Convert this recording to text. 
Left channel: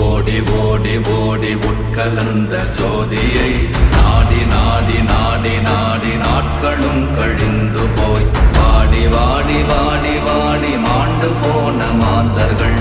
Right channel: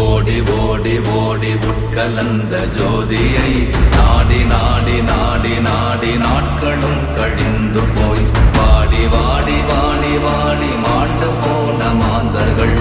ஓடி ஓடி ஓடி உட்கலந்த ஜோதியை நாடி நாடி நாடி நாடி நாட்களும் கழிந்து போய் வாடி வாடி வாடி வாடி மாண்டு போன மாந்தர்கள்